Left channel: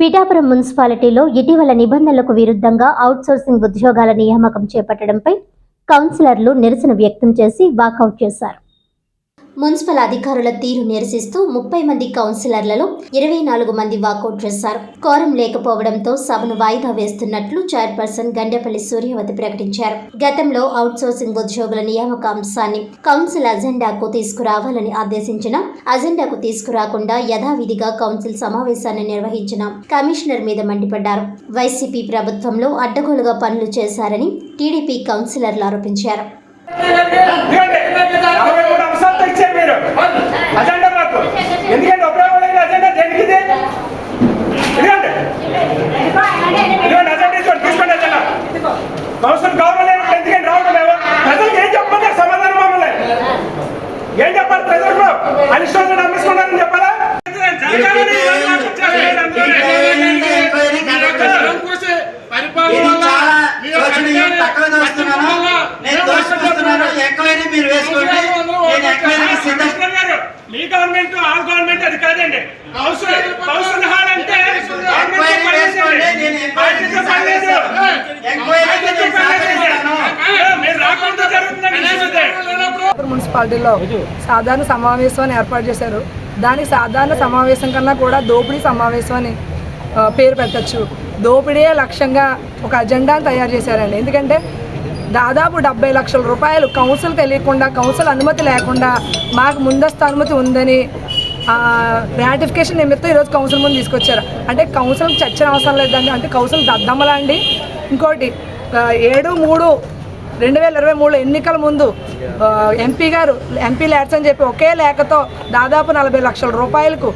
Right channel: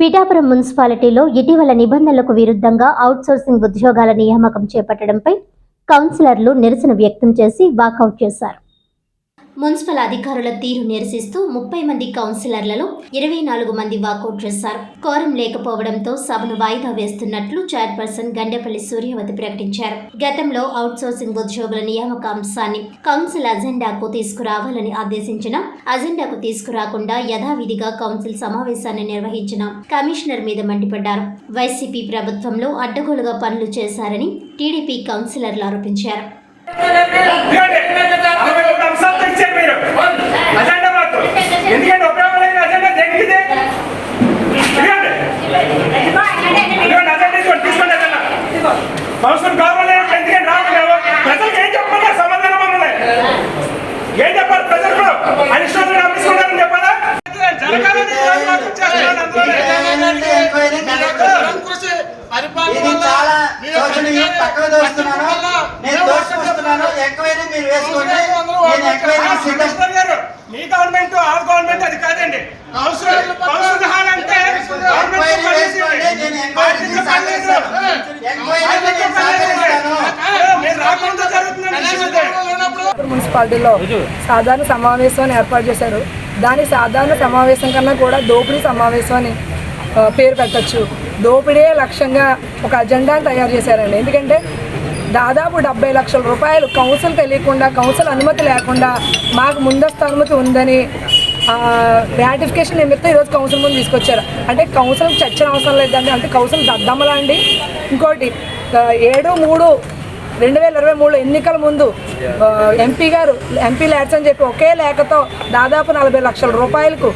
పిఠాపురం మున్సిపాలిటీలో ఇటీవల నిబంధనలకు విరుద్ధంగా అవుట్సోర్సింగ్ ఉద్యోగాల నియామకం చేపట్టడంపై కౌన్సిలర్లు నిరసన వ్యక్తం చేసి వాకౌట్ చేశారు. మున్సిపల్ అధికారుల తీరు నిరసిస్తూ ముప్పై మంది కౌన్సిలర్లలో ఇరవై నాలుగు మంది వాకౌట్ చేశారు. కోరం లేకపోవడంతో సభను వాయిదా వేస్తున్నట్లు చైర్పర్సన్ గండేపల్లి సూర్యవతి ప్రకటించారు. గతంలో అవుట్సోర్సింగ్ ఉద్యోగుల నియామక అంశాన్ని కౌన్సిల్ అజెండాకు తీసుకురావాలని ఆదేశించిన అజెండాకు తీసుకురాకుండా యథావిధిగా కౌన్సిల్ సమావేశాన్ని నిర్వహించిన కమిషనర్ మీద మండిపడ్డారు. వైసీపీ ప్రభుత్వంలో అడ్డగోలుగా పనులు చేశారని టీడీపీ కౌన్సిలర్లు ఆరోపించారు. ఎందుకంటే నలభై మీరు. అజెండా మాకు. ఎందుకంటే ఉపయోగం దేనికి ఇది? ఇదిగోండి ఇదిగోండి అజెండా ఇదిగోండి తీసుకోండి అజెండా. సంవత్సరం గవర్నమెంట్ ఎందుకంటే రావట్లేదు ప్రజలకు ఏం చెప్పాలి సమాధానం మమ్మల్ని ఏం చెప్పాలి ప్రజలు అరిష్టం అమ్మిస్తున్నారని చెప్పాలా? జరగాలని చేస్తున్నాడు అందువల్ల. ఇది చాలా శోచనీయం తక్కువ దోస్తున్నాను నేను దోషిస్తున్నాను ఎంక్వైరీ మీరు వేసుకోండి నేను ఎంక్వైరీ సిద్ధం కమిషనర్ గారు మీ గవర్నమెంట్ ఆ గవర్నమెంట్ అది కాదండి. గవర్నమెంట్ మున్సిపాలిటీలో సాధారణ సమావేశం అని ఏర్పాటు చేశారు. దానికి సాధారణ సమావేశం కన్నా కూడా దోపిడీ సమావేశం అని పేరు పెట్టచ్చు. దోపిడీ లక్ష్యంగా ఒక అజెండాను తయారు చేశారండి. ఎందుకంటే దాదాపు డెబ్బై లక్షల రూపాయలు కౌన్సిల్ తెలియకుండా కౌన్సిల్ అనుమతి లేకుండా మాకు ముందస్తు అనుమతి ఉందని రాటిఫికేషన్ నిమిత్తం ఈరోజు కౌన్సిల్ ముందు తీసుకొచ్చారు. అంటే కౌన్సిల్ చర్చన అవసరం లేదండి అంటే కౌన్సిల్ దద్దమ్మలా అండి. ఇంకోటి ఏడు మూడు రెండు వేల ఇరవై మూడు ఎన్నికల ముందు ఎంపీ గారు ఎంపీ ల్యాడ్స్ అని చెప్పి ఒకే లేఖతో దాదాపు నలభై లక్షల రూపాయలకు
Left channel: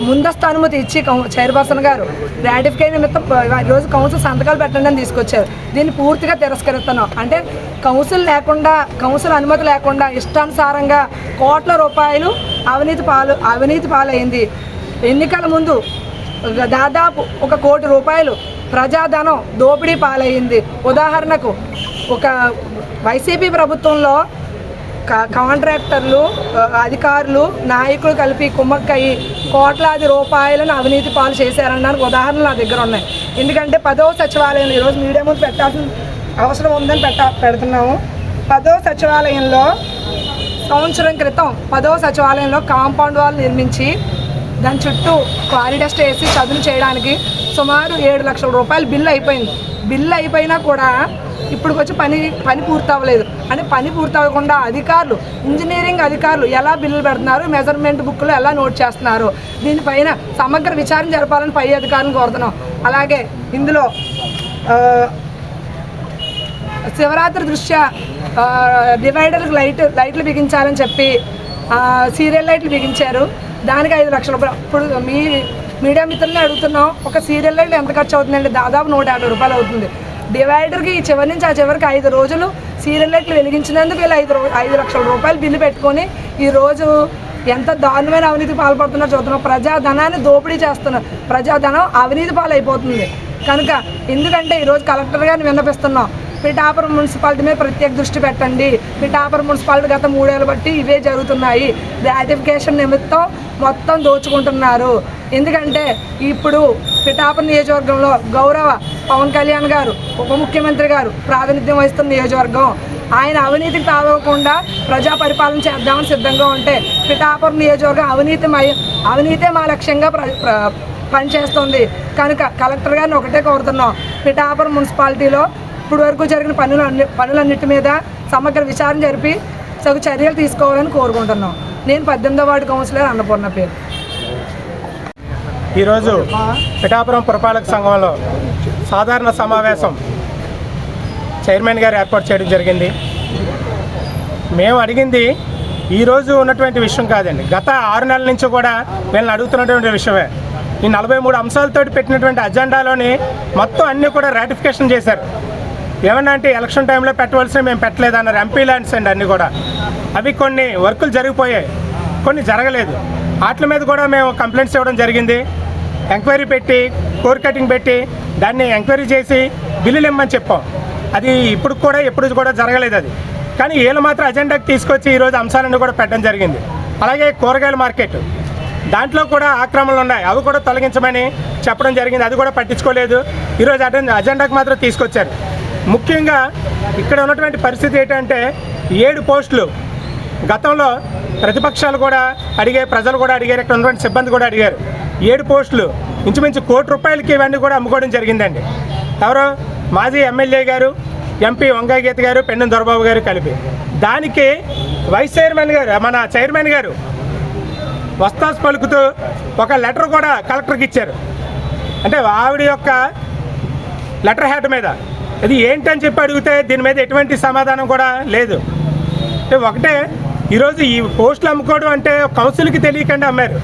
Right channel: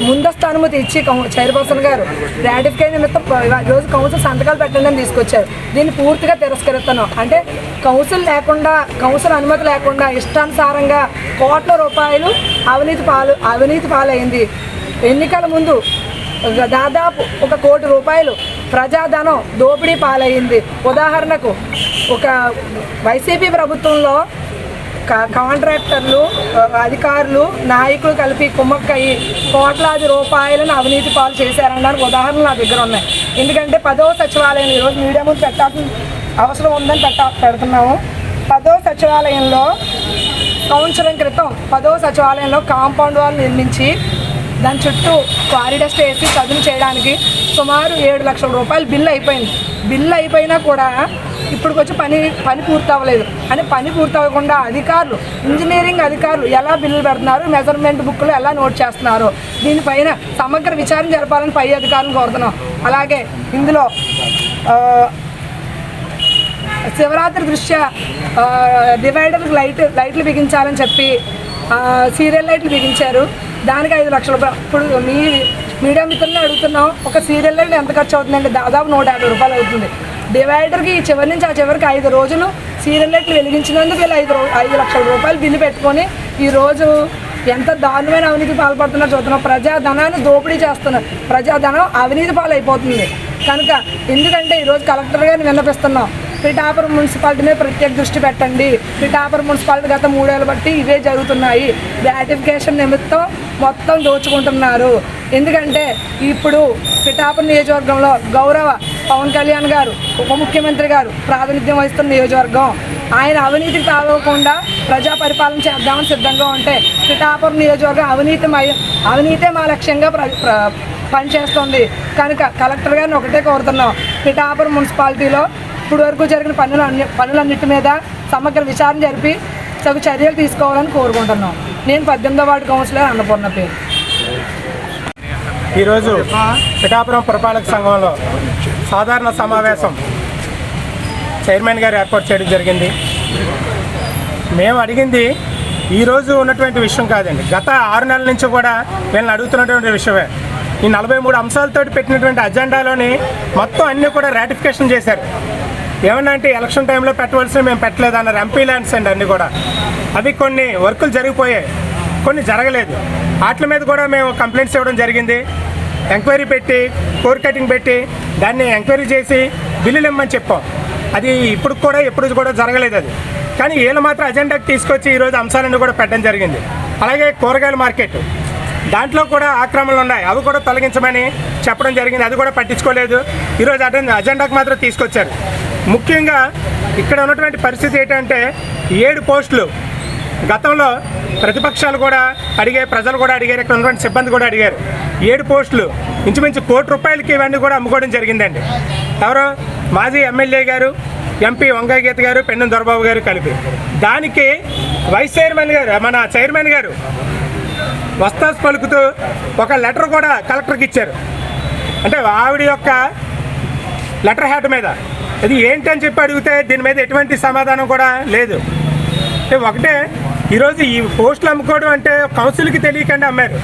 ముందస్తు అనుమతి ఇచ్చి కౌ- చైర్పర్సన్ గారు రాటిఫికేషన్ నిమిత్తం రోజు కౌన్సిల్ సంతకాలు పెట్టండి అని తీసుకొచ్చారు. దీన్ని పూర్తిగా తిరస్కరిస్తున్నాం. అంటే కౌన్సిల్ లేకుండా కౌన్సిల్ అనుమతి లేకుండా ఇష్టానుసారంగా కోట్ల రూపాయలు అవినీతి పాలు అవినీతి పాలైంది. ఎన్నికల ముందు దాదాపు ఒక కోటి రూపాయలు ప్రజాధనం దోపిడీ పాలయ్యింది ఉదాహరణకు ఒక వైసీపీ ప్రభుత్వంలో కాంట్రాక్టర్లు అధికారులు నాయకులు కలిపి కుమ్మక్కయ్యి కోట్లాది రూపాయలను అవినీతి పాలు చేశారనడానికి ఉదాహరణలు నా దగ్గర ఉన్నాయి. ఎందుకంటే పదవ సచివాలయం ఈరోజు మీడియా ముందు పెట్టాల్సిన అవసరం ఉందని పెట్ట పెడుతున్నాము. పదవ సచివాలయంలో సంవత్సరం క్రితం పదవ సచివాలయంలో కాంపౌండ్ వాల్ నిర్మించి దాని చుట్టూ కారిడస్ట్ వేసి చదువు చేయడానికి సుమారు ఏడు లక్షల రూపాయలు బిల్లు అయిపోయింది. బిల్లు అయిపోయినా కూడా ఇప్పుడు వచ్చి పని పని పూర్తి అవ్వలేదు అంటే పని పూర్తి అవ్వకుండా అధికారులు ఇంజనీరింగ్ అధికారులు ఎలా బిల్లులు పెడుతున్నారు మెజర్మెంట్ బుక్లో ఎలా నోట్ చేస్తున్నారు దీనిపైన సమగ్ర విచారణ జరపాలని పై అధికారులను కోరుతున్నాం. అలాగే ఇందులో శివరాత్రి దృష్ట్యా డివైడర్ డివైడర్కి లైట్ లైట్లు బిగించాలని చెప్పి సీరియల్ లైట్లు బిగించారు. దానికి ఐదు లక్షలు రూపాయలు. ఇప్పుడు మీ మీడియా మిత్రులను అడుగుతున్నాం ఒక సీరియల్ లైట్ ఎంత ఖర్చు అవుతుందండి దాదాపు నూట యాభై రూపాయలు అవుతుంది. డివైడర్కి ఈ చివరి నుంచి ఆ చివరికి ఐదు రోజులు సీరియల్ లైట్లు వెలిగించినందుకు వీళ్ళు ఐదు ఐదు లక్షల రూపాయలు బిల్లు పెట్టుకొని ఈరోజు ఎంత దారుణమైన అవినీతి పాల్పడుతున్నారో చూస్తున్నాం. ప్రజాధనాన్ని దోపిడీ చేస్తున్నారు. ప్రజాధనం అవినీతి పాలైపోతుంది. కనుక ఎందుకంటే ఈరోజు కలెక్టర్ గారిని విన్నపిస్తున్నాం. పిఠాపురం మున్సిపాలిటీ మీద ప్రత్యేక దృష్టి పెట్టండి. పిఠాపురం మున్సిపాలిటీ గత మూడేళ్ళు బట్టి ఇవే జరుగుతున్నాయి. గ్రాటిఫికేషన్ నిమిత్తం మొత్తం దోచుకుంటున్నారు. ఎందుకంటే ఇప్పుడు పిఠాపురం నియోజకవర్గంలో గౌరవ పవన్ కళ్యాణ్ గారు ఉప ముఖ్యమంత్రి గారు ప్రాతినిధ్యం వహిస్తున్న నియోజకవర్గం. ఆయన అవినీతికి తాగకుండా ప్రజా పరిపాలన చేద్దామని సిద్ధంగా ఉంటే పిఠాపురం నియోజకవర్గం అవినీతి అవినీతే మా లక్ష్యంగా ప్ర పనిచేస్తుంది. కనుక కలెక్టర్ గారిని ఒకటే కోరుతున్నాం. పిఠాపురం మున్సిపాలిటీలో ఇప్పుడు వరకు జరిగిన పనులు అన్ని పనులన్నిటి మీద సమగ్ర విచారణ జరిపి తగు చర్యలు తీసుకోవాలని కోరుకుంటున్నాం. నేను పద్దెనిమిదో వార్డు కౌన్సిలర్ అన్నపూర్ణ పేరు. ఈరోజు పిఠాపురం పురపాలక సంఘంలో సాధారణ సమావేశం చైర్మన్ గారు ఏర్పాటు చేయడం జరిగింది. మేము అడిగింది ఈరోజు ఉన్నటువంటి విషయం కాదండి. గత ఆరు నెలల నుంచి కూడా వీళ్ళని అడుగుతున్నటువంటి విషయమే. ఈ నలభై మూడు అంశాలతో పెట్టినటువంటి అజెండాలోని మొత్తం అన్నీ కూడా రాటిఫికేషన్ చేశారు. ఏమన్నా అంటే ఎలక్షన్ టైంలో పెట్టవలసిన మేము పెట్టలేదు అన్నారు ఎంపీ ల్యాండ్స్ అండి అన్నీ కూడా. అవి కొన్ని వర్కులు జరిగిపోయాయి. కొన్ని జరగలేదు. వాటి మీద కూడా మేము కంప్లైంట్స్ ఇవ్వడం జరిగింది. ఎంక్వైరీ పెట్టి కోర్ కటింగ్ పెట్టి దాన్ని ఎంక్వైరీ చేసి బిల్లులు ఇమ్మని చెప్పాం. అది ఇప్పుడు కూడా ఎప్పుడు కూడా జరగలేదు అది. కానీ వీళ్ళు మాత్రం అజెండాకి తీసుకొచ్చి ఈరోజు అంశాలన్నీ కూడా పెట్టడం జరిగింది. అలాగే కూరగాయల మార్కెట్. దాంట్లో కూడా ఆక్రమణలు ఉన్నాయి. అవి కూడా తొలగించమని చెప్పడం జరిగింది. అది కూడా పట్టించుకోలేదు. ఈరోజు అటెండ్ అజెండాకు మాత్రం తీసుకొచ్చారు. ముఖ్యంగా ఇక్కడ ఉన్నటువంటి పరిస్థితి ఏంటంటే ఏడు పోస్టులు. గతంలో ప్రతిపక్షాలు కూడా అడిగాయి ప్రజలు కూడా అడిగారు ఇక్కడ ఉన్నటువంటి సిబ్బంది కూడా అడిగారు. ఏడు పోస్టులు. ఇంచుమించు కోటి రూపాయలకి ఇవన్నీ కూడా అమ్ముకోవడం జరిగిందండి. ఎవరు మాజీ ఎమ్మెల్యే గారు ఎంపీ వంగగీత గారు పెన్నం దొరబాబు గారు కలిపి. దానికి వైస్ చైర్మన్ గారు మన చైర్మన్ గారు వస్తాస్ పలుకుతూ ఒక లెటర్ కూడా కలెక్టర్కి ఇచ్చారు. అంటే ఆవిడ యొక్క లెటర్ హ్యాడ్ మీద. అది ఏంటని చెప్పి అడిగితే దీని మీద ఎటువంటి సమాధానం కూడా లేదు. ఒకటే ఈరోజు ఈ పోస్టులు అమ్ముకోవడం అంటే కౌన్సిల్కి తెలియకుండా అమ్మారు.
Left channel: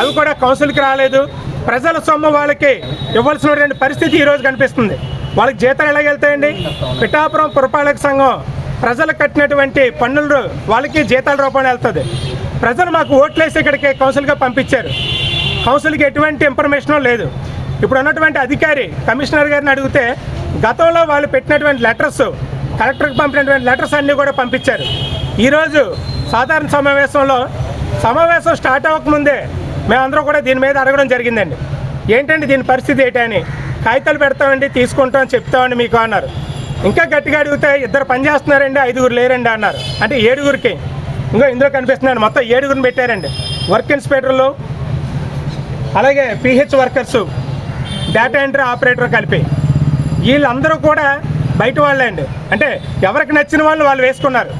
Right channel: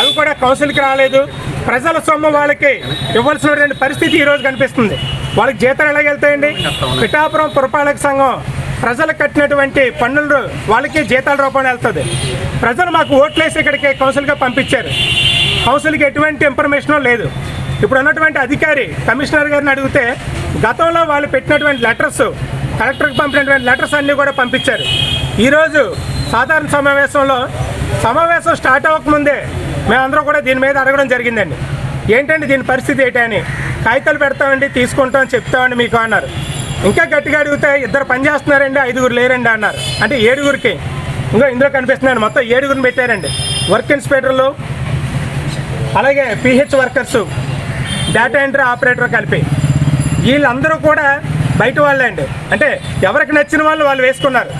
అవి కూడా కౌన్సిల్కి రాలేదు. ప్రజల సొమ్ము వాళ్ళకి ఇవ్వాల్సినటువంటి పరిస్థితి ఈరోజు కనిపిస్తుంది. వాళ్ళకి జీతాలు ఎలా వెళ్తాయండి? పిఠాపురం పురపాలక సంఘం ప్రజలకు కట్టినటువంటి పన్నులు వాళ్ళకి జీతాల రూపంలో వెళ్తుంది. ప్రజలు మాకు ఓట్లేసి ఇక్కడికి కౌన్సిల్గా పంపించారు. కౌన్సిల్కి ఎటువంటి ఇన్ఫర్మేషన్ లేదు. ఇప్పుడు ఉన్నటువంటి అధికారి కమిషనర్ గారిని అడిగితే గతంలో వాళ్ళు పెట్టినటువంటి లెటర్స్ కలెక్టర్కి పంపినటువంటి లెటర్స్ అన్నీ కూడా పంపించారు. ఈరోజు సాధారణ సమావేశంలో సమావేశం స్టార్ట్ అవ్వకముందే మేమందరం కూడా దీని మీద అడగడం జరిగిందండి. ఏంటండి దీని పరిస్థితి ఏంటని కాగితాలు పెడతామండి తీసుకుంటాం చెప్తామండి మీకు అన్నారు. ఇంకా గట్టిగా అడిగితే ఇద్దరు పని చేస్తున్నారండి ఐదుగురు లేరండి అన్నారు. అంటే ఏడుగురికి. ఇంకా ఇందులో కనిపిస్తున్నాను మొత్తం ఏడుగురిని పెట్టారండి. వర్క్ ఇన్స్పెక్టర్లు అలాగే PH workers data entry operator కలిపి. వీళ్ళందరూ కూడా బయట వాళ్ళే అండి. అంటే ఎవరికి నచ్చిన వాళ్ళు వాళ్ళు వేసుకున్నారు.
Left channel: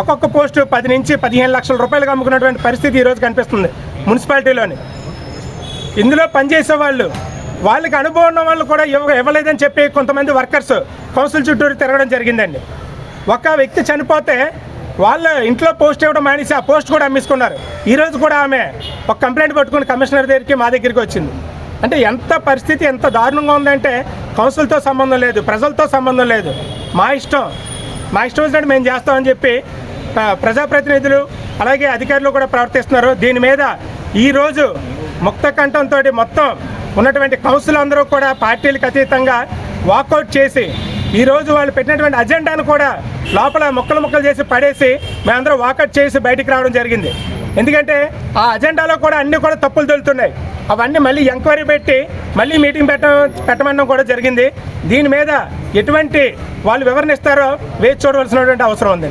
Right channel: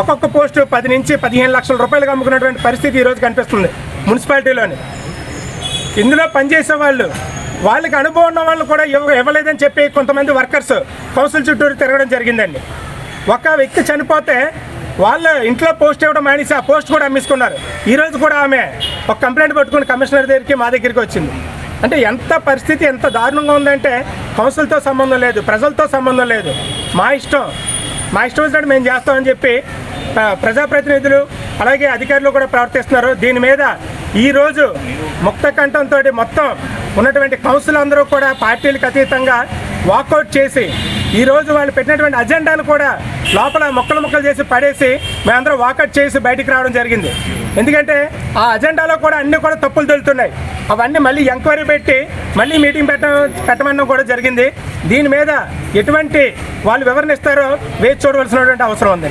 ఒక్కొక్క పోస్టు పది నుంచి పదిహేను లక్షల రూపాయలకు అమ్ముకున్నటువంటి పరిస్థితి ఈరోజు కనిపిస్తుంది మున్సిపాలిటీలోని. ఇందులో పనిచేసే వాళ్ళు వాళ్ళకి అనుభవం ఉన్న వాళ్ళు కూడా ఇవ్వ ఇవ్వలేదని చెప్పి కొంతమంది వర్కర్స్ కౌన్సిల్ చుట్టూరు తిరగడం జరిగిందండి. ఒక వ్యక్తి చనిపోతే వాళ్ళ ఇంట్లో పోస్ట్ ఇవ్వడం మానేసి ఆ పోస్ట్ కూడా అమ్మేసుకున్నారు. ఈరోజు కూడా ఆమె ఒక కంప్లైంట్ పట్టుకుని కమిషనర్ దగ్గరికి మా దగ్గరికి వచ్చింది. అంటే ఎంత పరిస్థితి ఎంత దారుణంగా ఉందంటే కౌన్సిల్తో సంబంధం లేదు ప్రజలతో సంబంధం లేదు. మా ఇష్టం. మా ఇష్టం వచ్చినట్టు మేము చేస్తామని చెప్పి ప్రజాప్రతినిధులు అలాగే అధికారులు కూడా ప్రవర్తిస్తున్నారు. దీని మీద ఈరోజు ముక్త కంఠంతో మొత్తం ఉన్నటువంటి కౌన్సిల్ అందరూ కూడా పార్టీలకు అతీతంగా వాకౌట్ చేసి ఈరోజు వాళ్ళు పెట్టినటువంటి అజెండాను కూడా లోపల మొక్కలు మొక్కలు చేసి పడేసి మేమందరం వాకట్ చేసి బయటికి రావడం జరిగింది. ఎందుకంటే ఆ అజెండాలో కూడా అన్ని కూడా తప్పులు దొరుకుతున్నాయి అవన్నీ మళ్ళీ ఎంక్వైరీ పెట్టి మళ్ళీ మీటింగ్ పెట్ట పెట్టమనడం కూడా జరిగింది. దీని మీద ఎటువంటి వాళ్ళు వివరణ ఇస్తారో వేచి చూడవలసినటువంటి అవసరం ఉంది